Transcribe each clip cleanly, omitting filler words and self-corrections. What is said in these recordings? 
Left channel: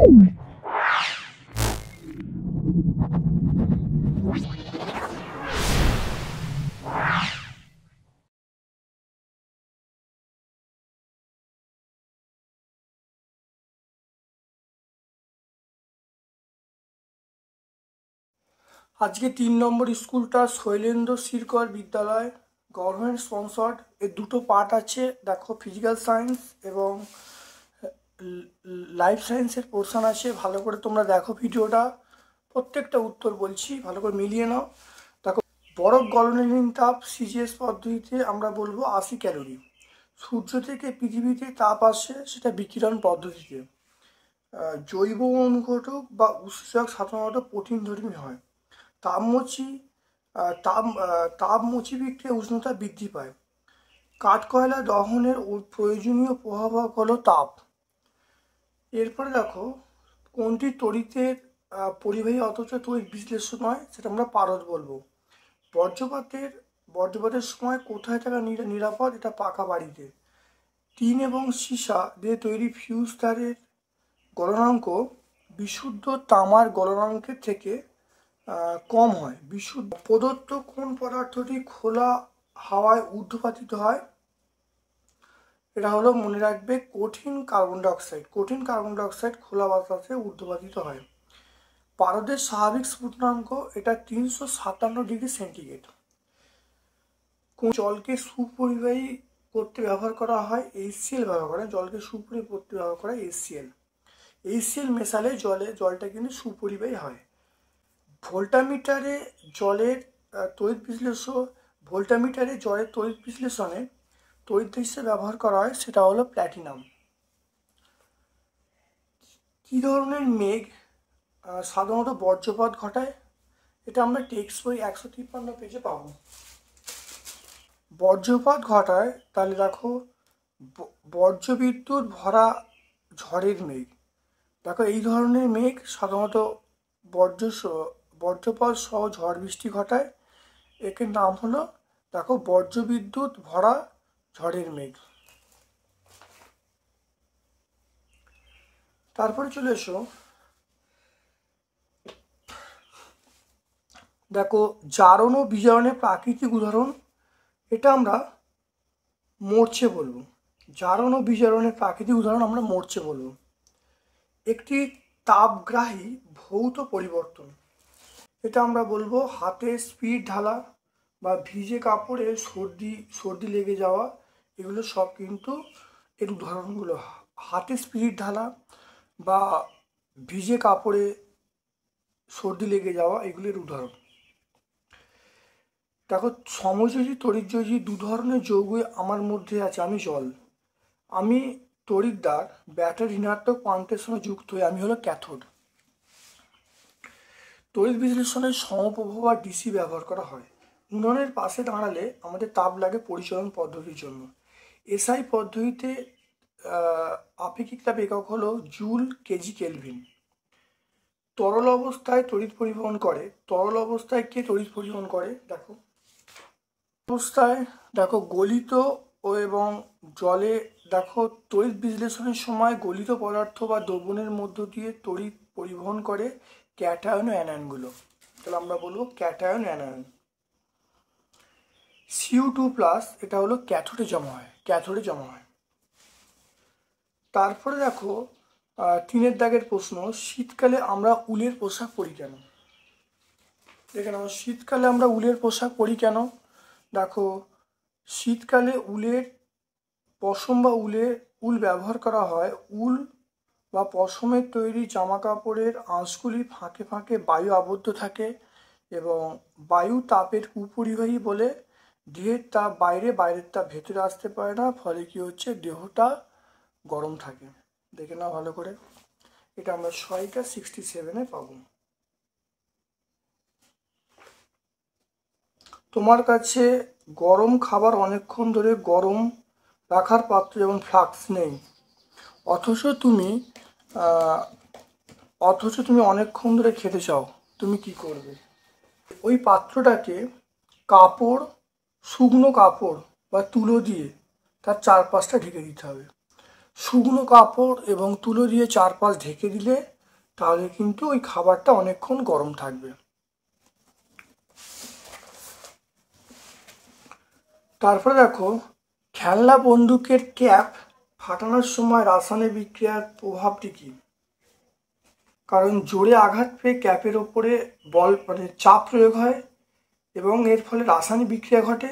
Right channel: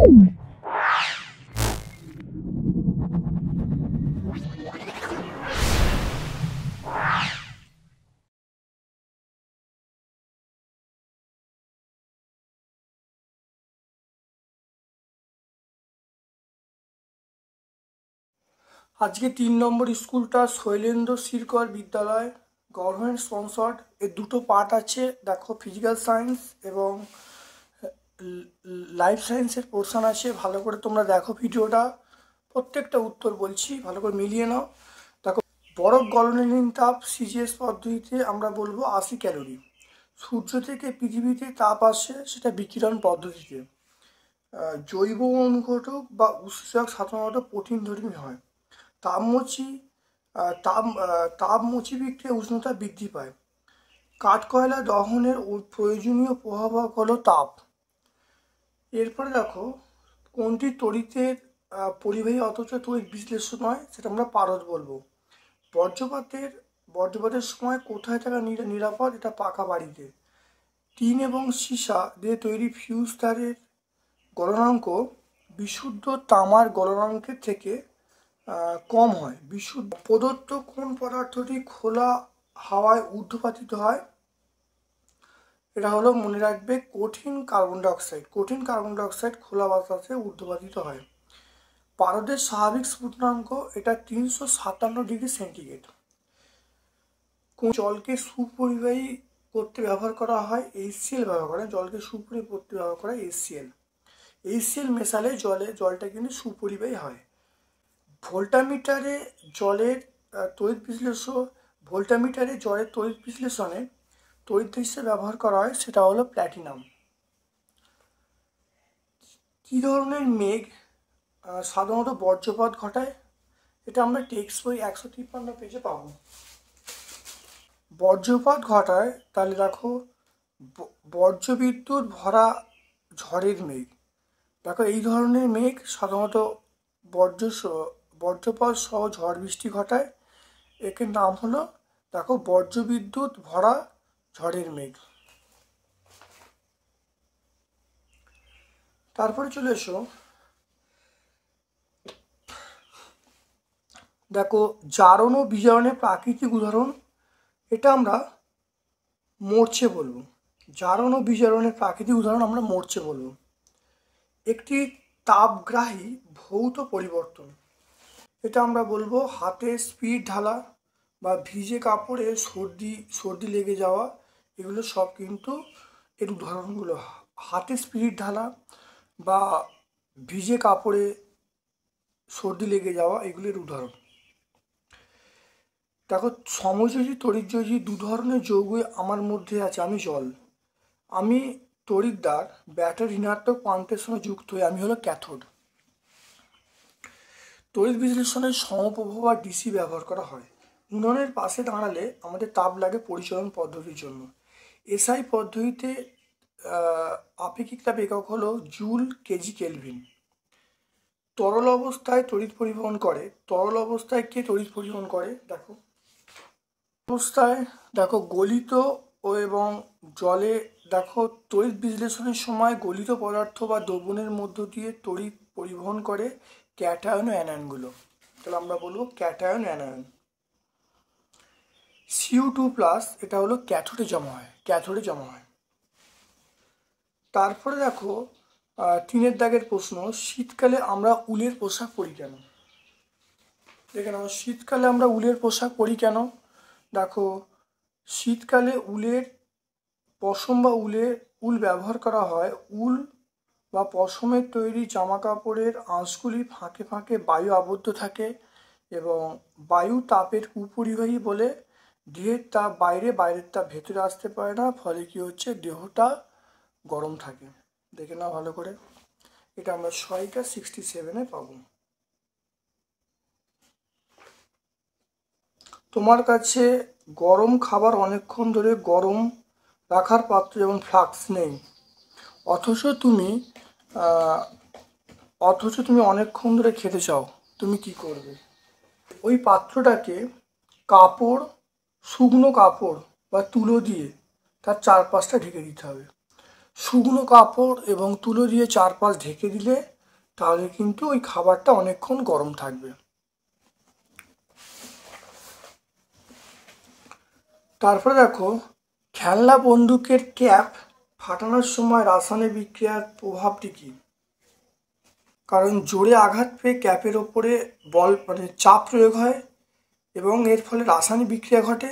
আজকে 3 নম্বর স্কুলটা শৈলেন্দ্র শিরকর বিদ্যালয়, গভর্নমেন্ট স্পন্সর্ড। এর দুটো পার্ট আছে, দেখো ফিজিক্যাল সায়েন্স এবং লাইফ সায়েন্সের পোর্শন আছে। ভালো করে তোমরা দেখো ভিডিওটা, প্রত্যেকটা উত্তর বলছি, ভালো করে মিলিয়ে নাও। দেখো, বরফ গলনহীন তাপ সিজিএস পদ্ধতিতে আমরা বলবো 80 ক্যালোরি। সূর্য থেকে পৃথিবীতে তাপ আসে, সেটা বিকিরণ পদ্ধতিতে। জৈব অনুঘটক বা উৎসেচক সাধারণত প্রোটিনধর্মী হয়। তাপমোচী তাপমোচী বিক্রিয়া উষ্ণতা বৃদ্ধি পায়। কাঠকয়লা দহনের প্রয়োজনীয় প্রভাবক হলো তাপ। এরপরে দেখো, কোনটি তড়িতের পরিবাহী অথচ তড়িৎ বিশ্লেষণ নয়, সেটা আমরা পারদ বলবো। বজ্রপাতের সময় কোথায় থাকা নিরাপদ? এটা পাকা বাড়িতে। টিন এবং সীসা দিয়ে তৈরি ফিউজ তারের গলনাঙ্ক বিশুদ্ধ তামার গলনাঙ্কের থেকে কম হয়। বিশুদ্ধ প্রদত্ত কোন পদার্থটি খোলা হাওয়ায় ঊর্ধ্বপাতিত হয়? এটা হলো, মনে রাখবে, কঠিন কার্বন ডাইঅক্সাইড। কঠিন কার্বন ডাইঅক্সাইড খোলা বাতাসে ঊর্ধ্বপাতিত হয়। পারদের স্বাভাবিক স্ফুটনাঙ্ক এটা 357 ডিগ্রি সেন্টিগ্রেড। কোন জলকে সুপরিবাহী করতে ব্যবহার করা হয়? HCl ব্যবহার করে। জলকে সুপরিবাহী করতে ব্যবহার করা হয় HCl মেশালে জলটা কিন্তু সুপরিবাহী হয়। ভোল্টামিটারে জলের তড়িৎ বিশ্লেষণে তড়িৎ হিসেবে ব্যবহার করা হয়, সেটা হলো প্ল্যাটিনাম। কি ধরনের মেঘ সাধারণত বজ্রপাত ঘটায়? এটা আমরা টেক্সট বই 153 পেজে পাবো। বজ্রপাত ঘটায়, তাহলে দেখো, বজ্রবিদ্যুৎ ভরা ঝড়ের মেঘ। দেখো, এই ধরনের মেঘ সাধারণত বজ্রপাত সহ ঝড় বৃষ্টি ঘটায়। এর নাম হলো, দেখো, বজ্রবিদ্যুৎ ভরা ঝড়ের মেঘ। তারপরে চলে এসো, দেখো, জারণ ও বিজারণের প্রাকৃতিক উদাহরণ। এটা আমরা মরচে বলবো। জারণ ও বিজারণের প্রাকৃতিক উদাহরণ আমরা মরচে বলবো। একটি তাপগ্রাহী ভৌত পরিবর্তন, এটা আমরা বলবো হাতের স্পিড ঢালা বা ভিজে কাপড়ে সর্দি লেগে যাওয়া। এগুলো সব কিন্তু এর উদাহরণগুলো। হাতে স্পিড ঢালা বা ভিজে কাপড়ে সর্দি লেগে যাওয়া, এগুলির উদাহরণ। দেখো, সমযোজী তড়িৎযোজী দু ধরনের যৌগই আমার মধ্যে আছে। আমি জল, আমি তড়িৎদ্বার। ব্যাটারি ঋণাত্মক প্রান্তের সঙ্গে যুক্ত হয়ে আমি হলো ক্যাথোড। তড়িৎ বিশ্লেষণে সমপ্রভা বা ডিসি ব্যবহার করা হয়। উনুনের পাশে দাঁড়ালে আমাদের তাপ লাগে পরিচালন পদ্ধতির জন্য। এসআই পদ্ধতিতে আপেক্ষিক তাপ একক হলো জুল কেজি কেলভিন। তরল অবস্থায় তড়িৎ পরিবহন করে। তরল অবস্থায় কে তড়িৎ পরিবহন করে? দেখো, অবস্থায় দেখো গলিত এবং জলে, দেখো, তড়িৎ বিশ্লেষণের সময় গলিত পদার্থ বা দ্রবণের মধ্য দিয়ে তড়িৎ পরিবহন করে ক্যাটায়ন ও অ্যানায়নগুলো। তাহলে আমরা বলবো ক্যাটায়ন অ্যানায়ন। Cu2+, এটা হলো ক্যাথোডে জমা হয়। তারপরে দেখো, 3 দাগের প্রশ্ন, শীতকালে আমরা উলের পোশাক পরি কেন? দেখে নাও, শীতকালে আমরা উলের পোশাক পরি কেন? দেখো, শীতকালে পশম বা উল ব্যবহার করা হয়। উল বা পশমের তৈরি জামা কাপড়ের আঁশগুলি ফাঁকে ফাঁকে বায়ু আবদ্ধ থাকে এবং বায়ু তাপের কুপরিবাহী বলে দেহের তাপ বাইরের তাপ ভেতরে আসতে পারে না, ফলে কি হচ্ছে, দেহটা গরম থাকে। দেখে নাও ভালো করে, এটা আমরা 67 পাবো। তোমার কাছে গরম খাবার অনেকক্ষণ ধরে গরম রাখার পাত্র যেমন ফ্লাস্ক নেই, অথচ তুমি অনেকক্ষণ ধরে খেতে চাও, তুমি কি করবে? ওই পাত্রটাকে শুকনো কাপড় বা তুলো দিয়ে তার চারপাশটা ঢেকে দিতে হবে। শুকনো কাপড় এবং তুলো দিয়ে চারপাশ ঢেকে দিলে তাহলে কিন্তু ওই খাবারটা অনেকক্ষণ গরম থাকবে। তারপরে দেখো, খেলনা বন্দুকের ক্যাপ ফাটানোর সময় রাসায়নিক বিক্রিয়ার প্রভাবটি কি? কারণ জোরে আঘাত পেয়ে ক্যাপের ওপরে বল চাপ প্রয়োগ হয় এবং এর ফলে রাসায়নিক বিক্রিয়া ঘটে,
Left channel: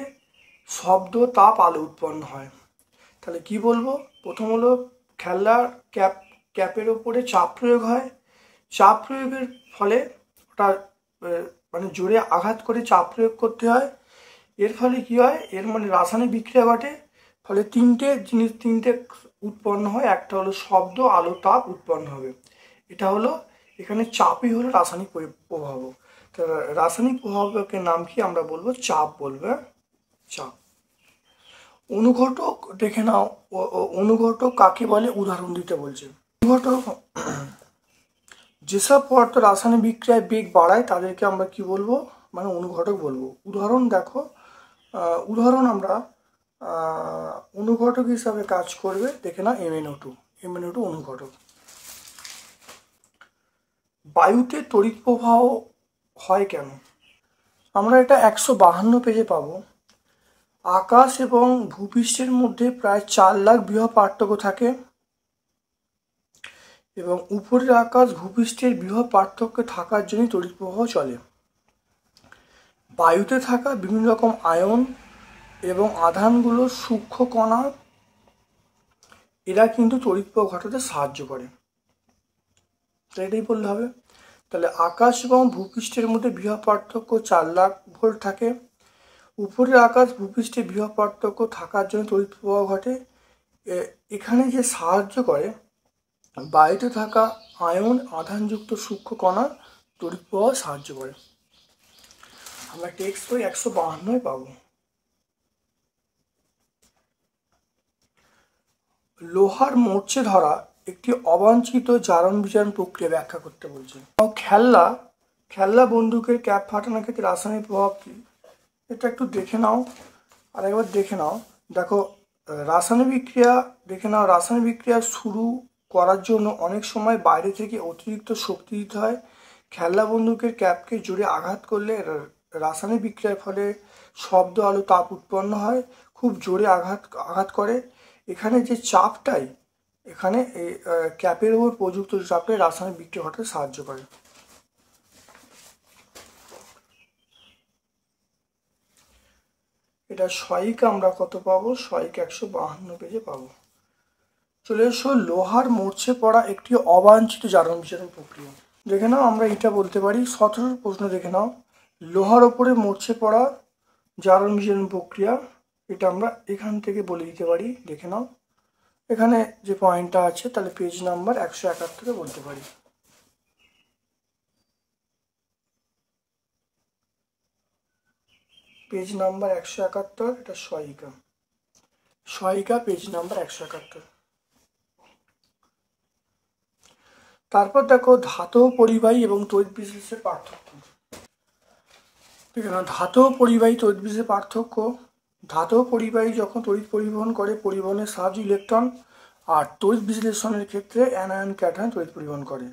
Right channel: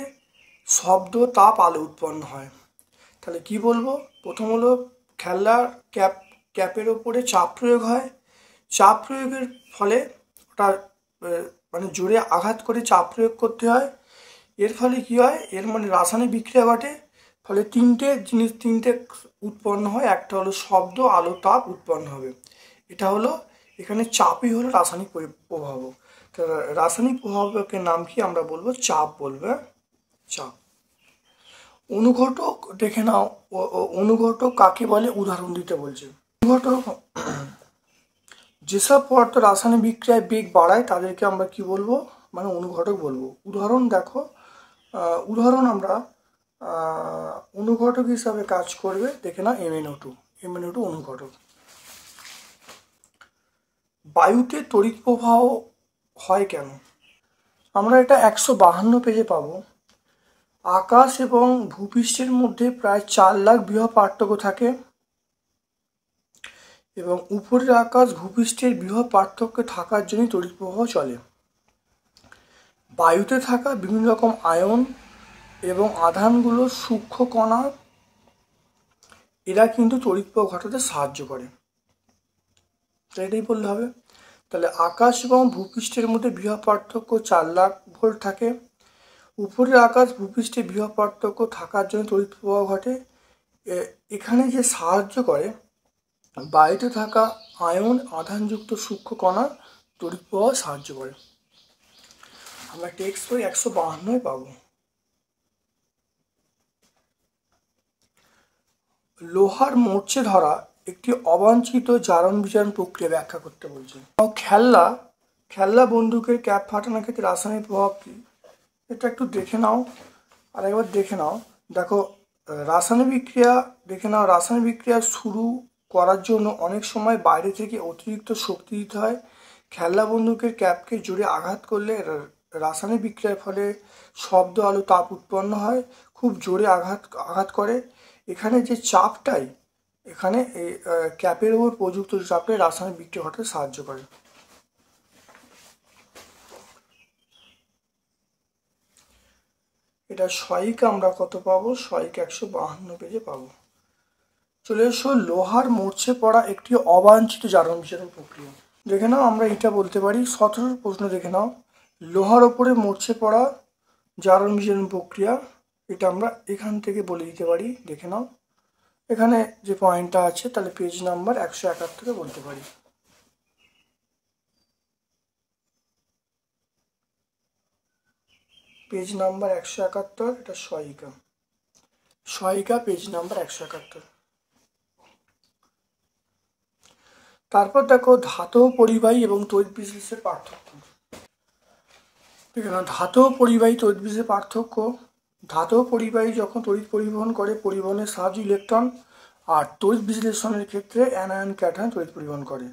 শব্দ, তাপ, আলো উৎপন্ন হয়। তাহলে কি বলবো? প্রথম হলো খেলনার ক্যাপের ওপরে চাপ প্রয়োগ হয়, চাপ প্রয়োগের ফলে ওটার জোরে আঘাত করে চাপ প্রয়োগ করতে হয়, এর ফলে কি হয়, এর রাসায়নিক বিক্রিয়া ঘটে, ফলে তিনটে উৎপন্ন হয়। একটা হলো শব্দ, আলো, তাপ উৎপন্ন হবে। এটা হলো এখানে চাপই হলো রাসায়নিক প্রভাব। রাসায়নিক প্রভাবকের নাম কি আমরা বলবো? চাপ বলবো, চাপ। অনুঘটক দেখে নাও, অনুঘটক কাকে বলে উদাহরণ দিতে বলছে। অনুঘটক যেসব পদার্থ রাসায়নিক বিক্রিয়ায় বেগ বাড়ায় তাদেরকে আমরা কি বলবো? অনুঘটক বলবো। উদাহরণ দেখো, উদাহরণ আমরা অনুঘটক হিসাবে কাজ করবে, দেখে না MnO2 অনুঘটক। বায়ুতে তড়িৎ প্রবাহ হয় কেন? আমরা এটা 152 পেজে পাবো। আকাশ এবং ভূপৃষ্ঠের মধ্যে প্রায় 4 লাখ বৃহৎ পার্থক্য থাকে এবং উপরের আকাশ ভূপৃষ্ঠের বৃহৎ পার্থক্য থাকার জন্য তড়িৎ প্রবাহ চলে। বায়ুতে থাকা বিভিন্ন রকম আয়ন এবং আধানগুলো সূক্ষ্ম কণা, এরা কিন্তু তড়িৎ প্রবাহ ঘটাতে সাহায্য করে। এটাই বললে হবে। তাহলে আকাশ এবং ভূপৃষ্ঠের মধ্যে বৃহৎ পার্থক্য 4 লাখ ভোল্ট থাকে। উপরের আকাশ ভূপৃষ্ঠে বৃহৎ পার্থক্য থাকার জন্য তড়িৎ প্রবাহ ঘটে। এখানে যে সাহায্য করে, বায়ুতে থাকা আয়ন আধানযুক্ত সূক্ষ্ম কণা তড়িৎ প্রবাহ সাহায্য করে। আমরা টেক্সট বই 152 পাবো। লোহার মরচে ধরা একটি অবাঞ্ছিত জারণ বিজারণ প্রক্রিয়া ব্যাখ্যা করতে বলছে। খেলনা বন্দুকের ক্যাপ ফাটানোর ক্ষেত্রে রাসায়নিক প্রভাব কি? এটা একটু দেখে নাও, আর একবার দেখে নাও। দেখো, রাসায়নিক বিক্রিয়া দেখে নাও। রাসায়নিক বিক্রিয়া শুরু করার জন্য অনেক সময় বাইরে থেকে অতিরিক্ত শক্তি দিতে হয়। খেলনা বন্দুকের ক্যাপকে জোরে আঘাত করলে রাসায়নিক বিক্রিয়ার ফলে শব্দ, আলো, তাপ উৎপন্ন হয়। খুব জোরে আঘাত করে। এখানে যে চাপটাই, এখানে এই ক্যাপের উপর প্রযুক্ত চাপে রাসায়নিক বিক্রিয়া ঘটাতে সাহায্য করে। এটা সহায়িকা আমরা কত পাবো? সহায়িকা 152 পেজে পাবো। চলে এসো, লোহার মরচে পড়া একটি অবাঞ্ছিত জারণ বিজারণ প্রক্রিয়া। দেখে নাও, আমরা এটা বলতে পারি। 17 প্রশ্ন দেখে নাও, লোহার ওপরে মরচে পড়া জারণ বিজারণ প্রক্রিয়া, এটা আমরা এখান থেকে বলে দিতে পারি। দেখে নাও, এখানে যে পয়েন্টটা আছে, তাহলে পেজ নাম্বার 171 বলতে পারি। পেজ নাম্বার 171, এটা সহায়িকা পেজ নাম্বার 171। তারপর দেখো, ধাতব পরিবাহী এবং তড়িৎ বিশ্লেষণের পার্থক্য। ধাতব পরিবাহী তড়িৎ বিশ্লেষণের পার্থক্য। ধাতব পরিবাহী যখন তড়িৎ পরিবহন করে, পরিবহনের সাহায্যে ইলেকট্রন, আর তড়িৎ বিশ্লেষণের ক্ষেত্রে অ্যানায়ন ক্যাটায়ন তড়িৎ পরিবহন করে।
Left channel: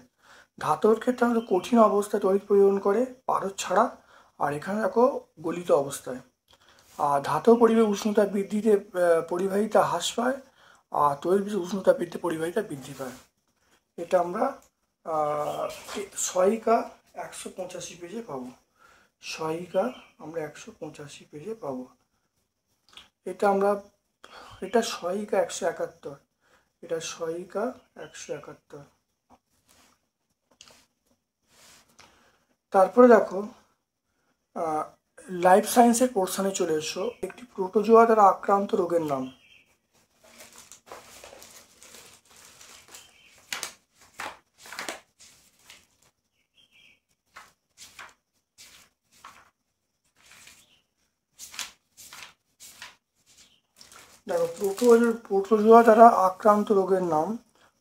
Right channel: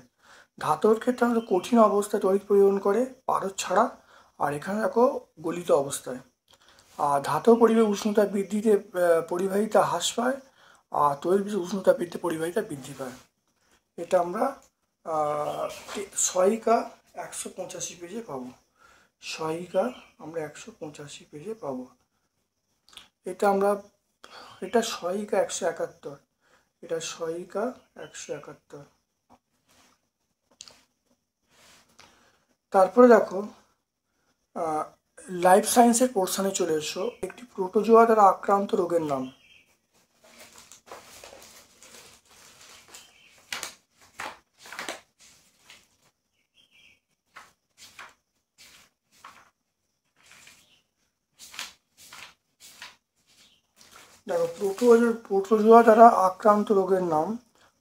ধাতুর ক্ষেত্রে আমাদের কঠিন অবস্থায় তড়িৎ পরিবহন করে, পারদ ছাড়া, আর এখানে দেখো গলিত অবস্থায়। আর ধাতব পরিবাহী উষ্ণতা বৃদ্ধিতে পরিবাহিতা হ্রাস পায়, আর তড়িৎ উষ্ণতা বৃদ্ধি পরিবাহিতা বৃদ্ধি পায়। এটা আমরা সহায়িকা 185 পেজে পাবো। সহায়িকা আমরা 185 পেজে পাবো। এটা সহায়িকা 171, এটা সহায়িকা 171। তারপরে দেখো, লাইফ সায়েন্সের পোর্শনে চলে এসো, একটি প্রোটোজোয়া দ্বারা আক্রান্ত রোগের নাম। দেখো, প্রোটোজোয়া দ্বারা আক্রান্ত রোগের নাম,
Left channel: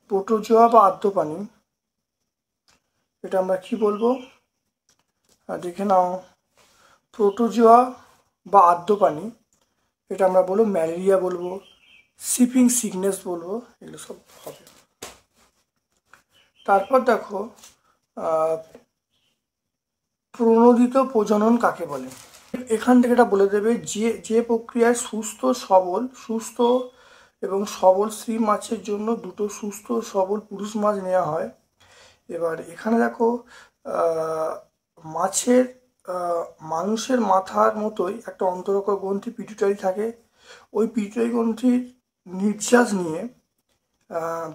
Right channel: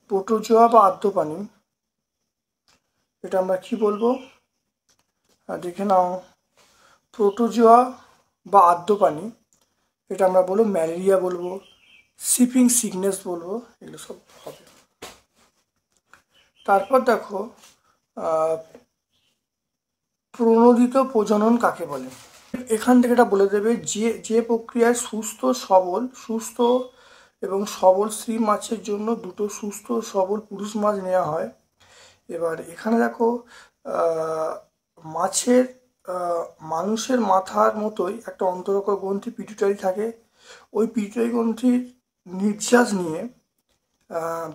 প্রোটোজোয়া বা আদ্যপানি, এটা আমরা কি বলবো? দেখে নাও, প্রোটোজোয়া বা আদ্যপানি, এটা আমরা বলবো ম্যালেরিয়া বলবো, শিপিং সিকনেস বলবো, এগুলো সব হবে। তারপর দেখো প্রণোদিত প্রজনন কাকে বলে। এখান থেকে এটা বলে দেবে যে যে প্রক্রিয়ায় সুস্থ এবং সবল স্ত্রী মাছের জন্য দুটো সুস্থ সবল পুরুষ মাছ নেওয়া হয়। এবার এখানে দেখো মাছের মানুষের মাথার মতোই একটা অন্তরক গ্রন্থি পিটুইটারি থাকে। ওই পিটুইটারি গ্রন্থির নির্যাস নিয়ে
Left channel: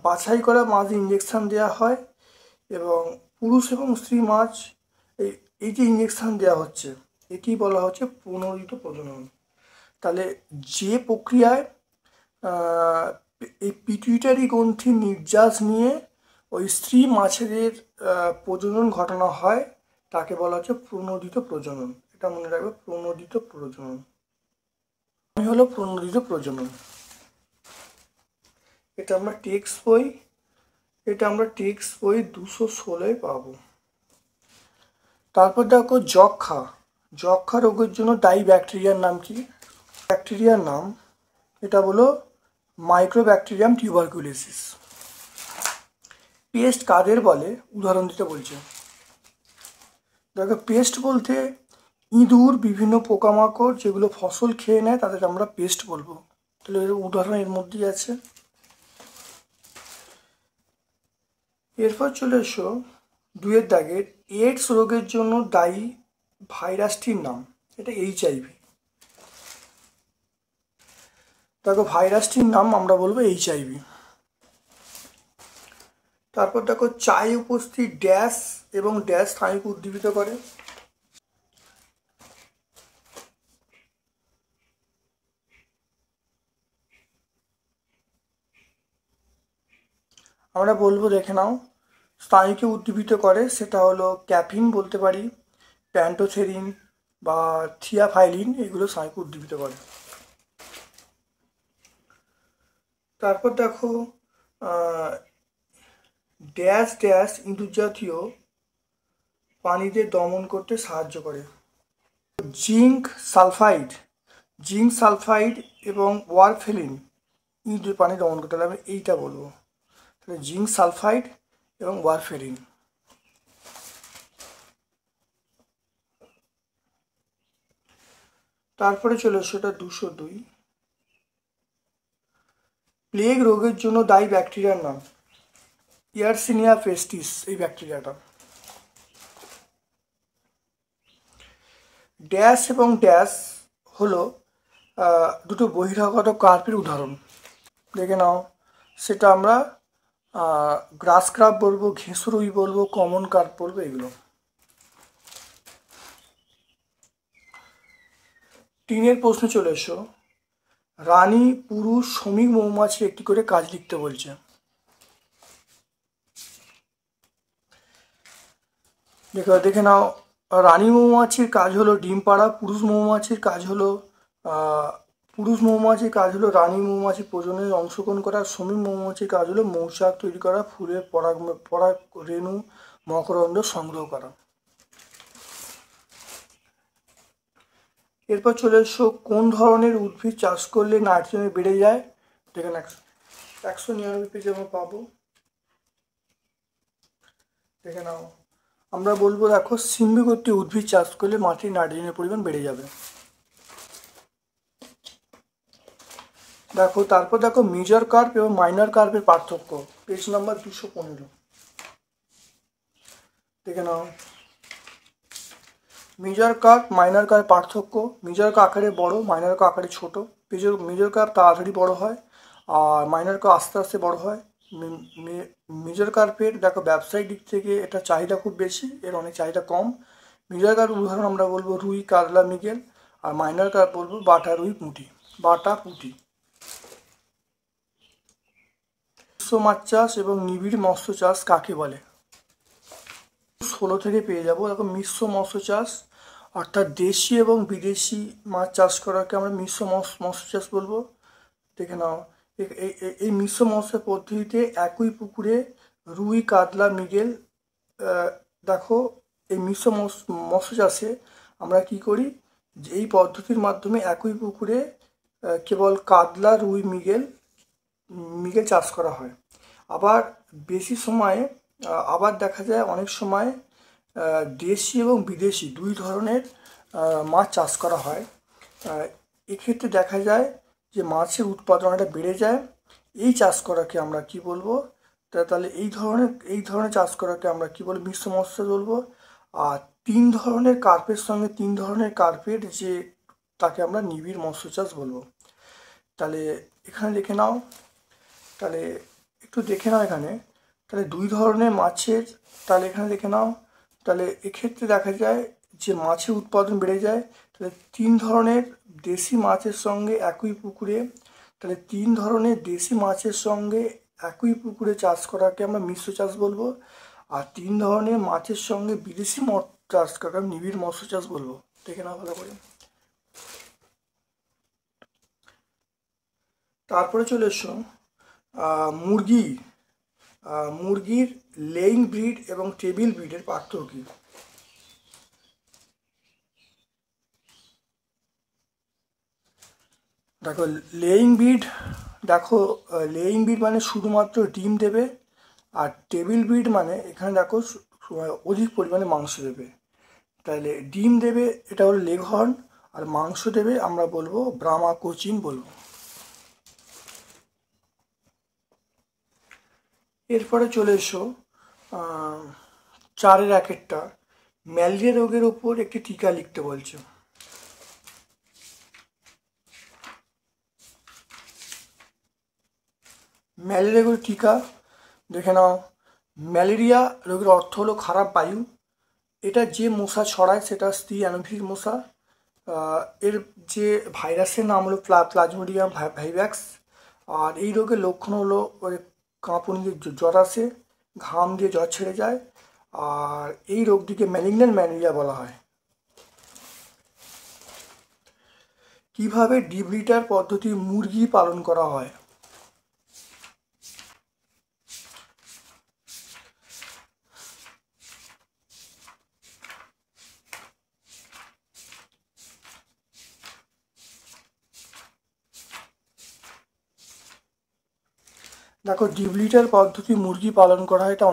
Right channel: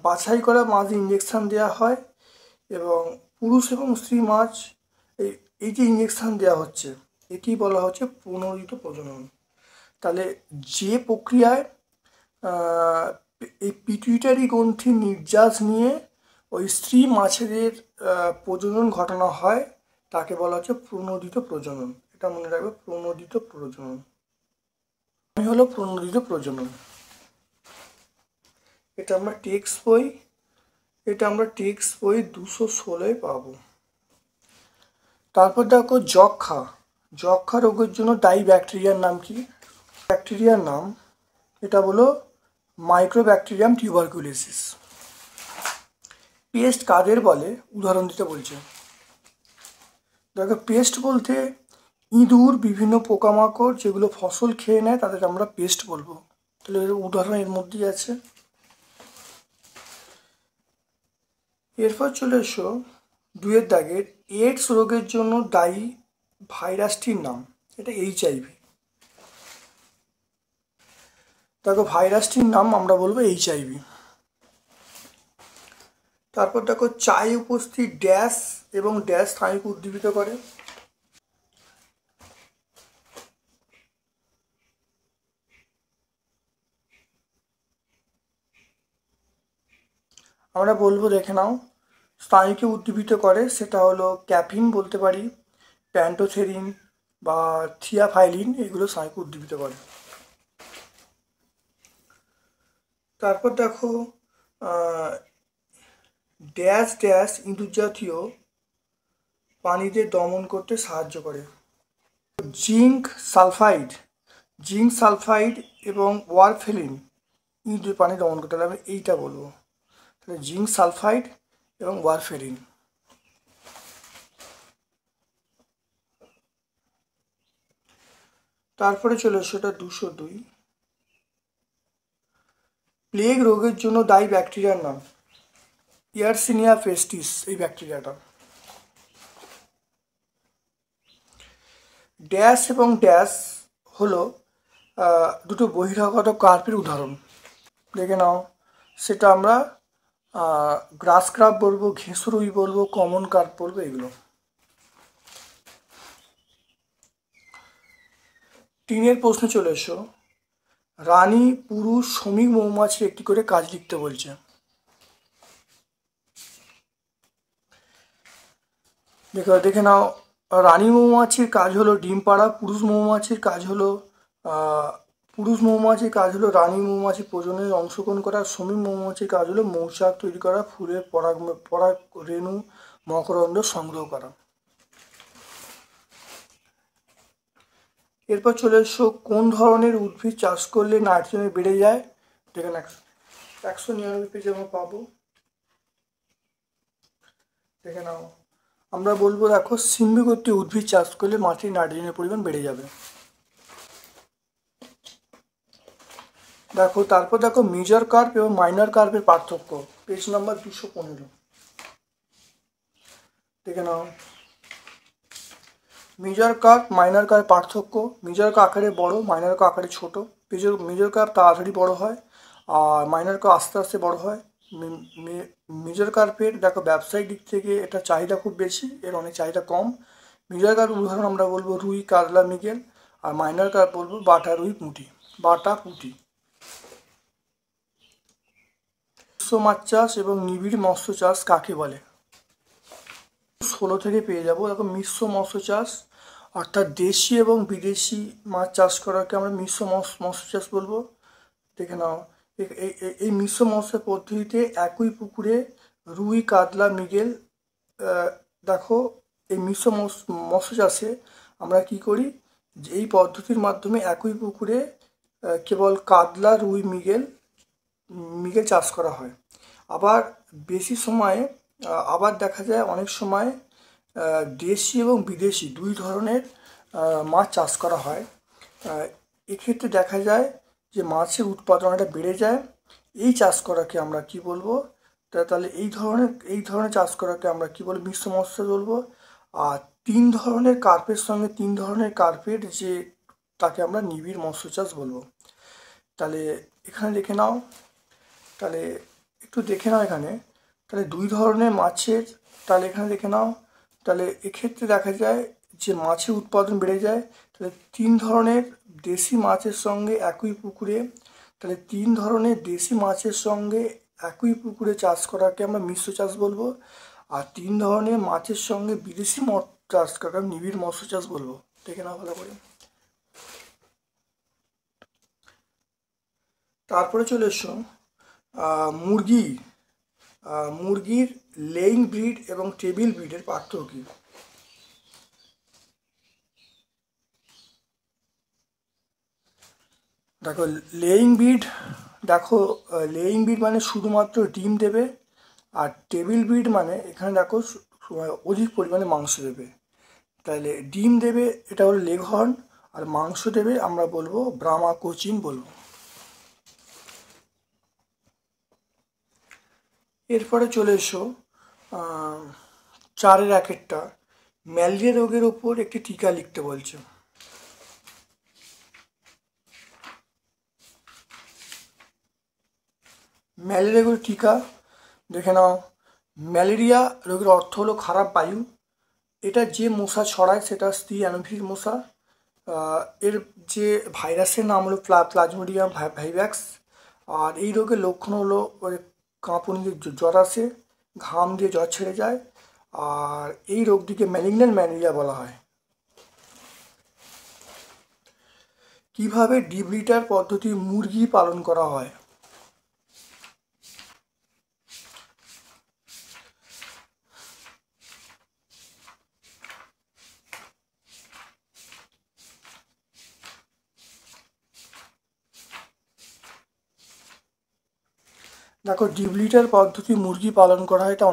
বাছাই করা মাছ ইঞ্জেকশন দেওয়া হয়, এবং পুরুষ এবং স্ত্রী মাছ এই যে ইঞ্জেকশন দেওয়া হচ্ছে একেই বলা হচ্ছে প্রণোদিত প্রজনন। তাহলে যে প্রক্রিয়ায় এই পিটুইটারি গ্রন্থির নির্যাস নিয়ে ওই স্ত্রী মাছেদের প্রজনন ঘটানো হয় তাকে বলা হচ্ছে প্রণোদিত প্রজনন। এটা মনে রাখবে, প্রণোদিত প্রজনন হলো প্রণোদিত প্রজনন। এটা আমরা টেক্সট বই 216 পাবো। তারপর দেখো যক্ষা রোগের জন্য দায়ী ব্যাকটেরিয়ার নাম কি? ব্যাকটেরিয়ার নাম এটা বলো মাইক্রোব্যাকটেরিয়াম টিউবারকুলোসিস। পেস্ট কাদের বলে উদাহরণ দিতে বলছে। দেখো পেস্ট বলতে ইঁদুর, বিভিন্ন পোকামাকড় যেগুলো ফসল খেয়ে নেয় তাদের আমরা পেস্ট বলবো। তাহলে এর উদাহরণ এর মধ্যেই আছে। এরপর চলে এসো 2 দাগের এইডস রোগের জন্য দায়ী ভাইরাসটির নাম। এটা HIV। দেখো ভাইরাসটির নাম আমরা বলবো HIV। তারপর দেখো চায়ে উপস্থিত ড্যাশ এবং ড্যাশ স্নায়ুকে উদ্দীপিত করে। আমরা বলবো, দেখে নাও, স্নায়ুকে উদ্দীপিত করে সেটা হলো ক্যাফিন বলতে পারি, প্যান্টোথেরিন বা থিয়াফাইলিন, এগুলো স্নায়ুকে উদ্দীপিত করে। তারপর দেখো ড্যাশ ড্যাশ ইঁদুর জাতীয় পানিতে দমন করতে সাহায্য করে। জিঙ্ক সালফাইড এবং ওয়ারফেরিন ইঁদুর পানি দমন করতে হবে, এইটা বলবো। তাহলে জিঙ্ক সালফাইড এবং ওয়ারফেরিন। তারপরে চলে সেটা 202 প্লেগ রোগের জন্য দায়ী ব্যাকটেরিয়ার নাম ইয়ারসিনিয়া পেস্টিস। এই ব্যাকটেরিয়াটা ড্যাশ এবং ড্যাশ হলো দুটো বহিরাগত কার্পের উদাহরণ। দেখে নাও, সেটা আমরা গ্রাস ক্রাব বলবো, ঘেঁষুরুই বলবো, কমন কার্প বলবো, এগুলো। তিনের প্রশ্নে চলে এসো, রানী পুরুষ শ্রমিক মৌমাছির একটি করে কাজ লিখতে বলছে। দেখে নাও, রানী মৌমাছির কাজ হলো ডিম পাড়া, পুরুষ মৌমাছির কাজ হলো রানী মৌমাছি প্রজননে অংশগ্রহণ করা, শ্রমিক মৌমাছির কাজ হলো মৌচাক তৈরি করা, ফুলের পরাগ রেণু মকরন্দ সংগ্রহ করা। এরপর চলে এসো, কোন ধরনের উদ্ভিদ চাষ করলে নাইট্রোজেন বেড়ে যায়। দেখেন 199 পেজে আমরা পাবো। দেখে নাও, আমরা বলবো, দেখো সিম্বিগত উদ্ভিদ চাষ করলে মাটির নাইট্রোজেনের পরিমাণ বেড়ে যাবে। দেখো তারপর দেখো মেজর কার্প এবং মাইনর কার্পের পার্থক্য, পেজ নাম্বার 215। দেখে নাও, মেজর কার্প মাইনর কার্প পার্থক্য। মেজর কার্প আকারে বড়, মাইনর কার্প আকারে ছোট। মেজর কার্প তাড়াতাড়ি বড় হয় আর মাইনর কার্প আস্তে আস্তে বড় হয়। মেজর কার্পের দেখো ব্যবসায়িক দিক থেকে এটা চাহিদা খুব বেশি, এর অনেক চাহিদা কম। মেজর কার্প উদাহরণ আমরা বলবো রুই, কাতলা, মৃগেল। আর মাইনর কার্প বলবো বাটা, রুই, পুঁটি। মিশ্র মাছ চাষ এবং নিবিড় মৎস্য চাষ কাকে বলে? 16 থেকে পেয়ে যাবো। দেখো মিশ্র মৎস্য চাষ অর্থাৎ দেশি এবং বিদেশি মাছ চাষ করাকে আমরা মিশ্র মৎস্য চাষ বলবো। দেখে নাও, এই মিশ্র মৎস্য পদ্ধতিতে একই পুকুরে রুই, কাতলা, মৃগেল, দেখো এই মিশ্র মৎস্য চাষে আমরা কি করি, যে এই পদ্ধতির মাধ্যমে একই পুকুরে কেবল কাতলা, রুই, মৃগেল মিলে চাষ করা হয়। আবার বেশি সময়ে আবার দেখা যায় অনেক সময় দেশি এবং বিদেশি দুই ধরনের মাছ চাষ করা হয়। এক্ষেত্রে দেখা যায় যে মাছের উৎপাদনটা বেড়ে যায়। এই চাষ করাকে আমরা কি বলবো? তাহলে এই ধরনের চাষ করাকে আমরা কি বলবো? মিশ্র মৎস্য বলবো। আর তিন ধরনের কার্পের সঙ্গে তিন ধরনের কার্পেট যে তাকে আমরা নিবিড় মৎস্য চাষ বলবো। তাহলে এখানে দেখে নাও, তাহলে একটু দেখে নাও এখানে, তাহলে দুই ধরনের মাছের, তাহলে এখানে দেখে নাও, তাহলে এক্ষেত্রে দেখা যায় যে মাছের উৎপাদন বেড়ে যায়। তাহলে তিন ধরনের দেশি মাছের সঙ্গে একই পুকুরে, তাহলে তিন ধরনের দেশি মাছের সঙ্গে একই পুকুরে চাষ করাকে আমরা মিশ্র চাষ বলবো। আর তিন ধরনের মাছের সঙ্গে বিদেশি মৎস্য চাষ করাকে নিবিড় মৎস্য চাষ বলবো। দেখে নাও ভালো করে। তারপরে চলে এসো মুরগির লেইং ব্রিড এবং টেবিল ব্রিডের পার্থক্য কি? দেখো লেইং ব্রিড মানে শুধুমাত্র ডিম দেবে। আর টেবিল ব্রিড মানে এখানে দেখো অধিক পরিমাণে মাংস দেবে। তাহলে ডিম দেবে এটা হলো লেঘর্ন, আর মাংস দেবে আমরা বলবো ব্রাহ্মা কোচিন বলবো। এরপরে চলে এসো 4-1 ম্যালেরিয়া রোগের ওপর একটি টিকা লিখতে বলছে। ম্যালেরিয়া রোগের টিকা দেখে নাও। ম্যালেরিয়া রোগের অর্থ হলো খারাপ বায়ু। এটা যে মশা ছড়ায় সেটা স্ত্রী অ্যানোফিলিস মশা। এর যে ভাইরাসের নাম হলো প্লাজমোডিয়াম ভাইভ্যাক্স। আর এই রোগের লক্ষণ হলো কাঁপুনি, জ্বর আসে, ঘাম দিয়ে জ্বর ছেড়ে যায়। আর এই রোগটিকে ম্যালিগন্যান্ট ম্যালেরিয়া বলা হয়। কিভাবে ডিপ লিটার পদ্ধতি মুরগি পালন করা হয়? দেখো ডিপ লিটার পদ্ধতি মুরগি পালন করা হয়, এটা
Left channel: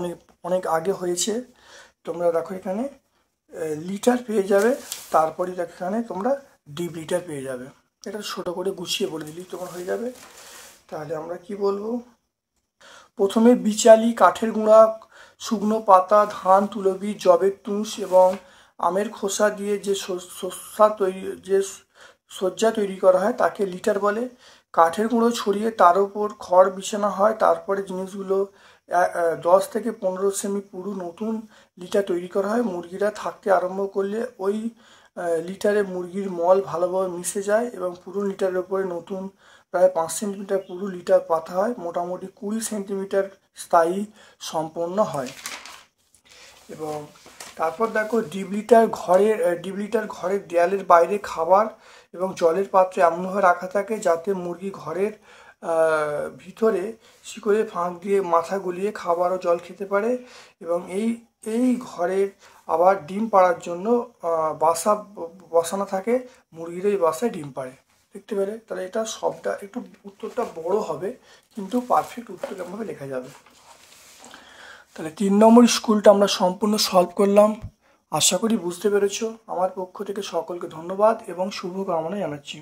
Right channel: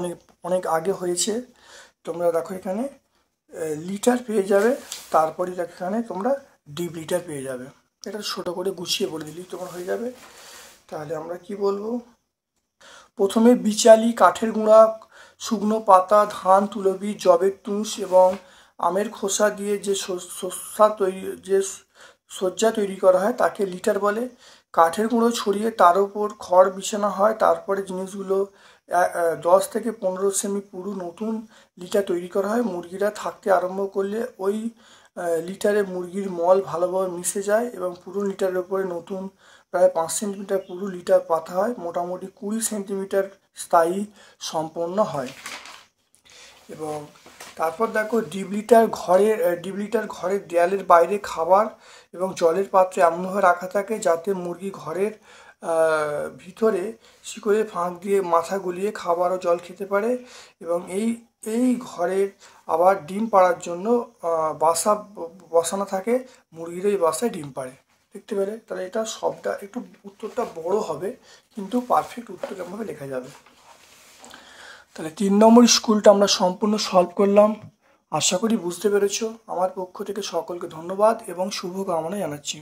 অনেক আগে হয়েছে। তোমরা দেখো এখানে লিটার পেয়ে যাবে, তারপরে এখানে তোমরা ডিপ লিটার পেয়ে যাবে। এটা ছোটো করে গুছিয়ে বলে দিলেই তোমার হয়ে যাবে। তাহলে আমরা কি বলবো? প্রথমে বিচালি, কাঠের গুঁড়া, শুকনো পাতা, ধান, তুলবীজ, জবের তুষ এবং আমের খোসা দিয়ে যে সজ্জা তৈরি করা হয় তাকে লিটার বলে। কাঠের গুঁড়ো ছড়িয়ে তার উপর খড় বিছানো হয়। তারপরে জিনিসগুলো 10 থেকে 15 সেমি পুরো নতুন লিটার তৈরি করা হয়। মুরগিরা থাকতে আরম্ভ করলে ওই লিটারে মুরগির মল ভালোভাবে মিশে যায় এবং পুরো লিটারের উপরে নতুন প্রায় 5 সেন্টিমিটার পুরো লিটার পাতা হয়। মোটামুটি 20 সেন্টিমিটার স্থায়ী সম্পন্ন হয়। এবং তারপর দেখো ডিপ লিটার ঘরের দেয়ালের বাইরে খাবার এবং জলের পাত্রে এমনভাবে রাখা থাকে যাতে মুরগি ঘরের ভিতরে শিকড়ের ফাঁক দিয়ে মাথা গুলিয়ে খাবার ও জল খেতে পারে। এবং এই ঘরের আবার ডিম পাড়ার জন্য বাসা বসানো থাকে, মুরগির এই বাসায় ডিম পাড়ে। দেখতে পেলে? তাহলে এটা সবটা একটু উত্তরটা বড় হবে, কিন্তু পারফেক্ট উত্তর এমনভাবে লেখা যাবে। তাহলে 3 নম্বর স্কুলটা আমরা সম্পূর্ণ সলভ করলাম। আশা করি বুঝতে পেরেছো। আমার পক্ষ থেকে সকলকে ধন্যবাদ এবং শুভকামনা জানাচ্ছি।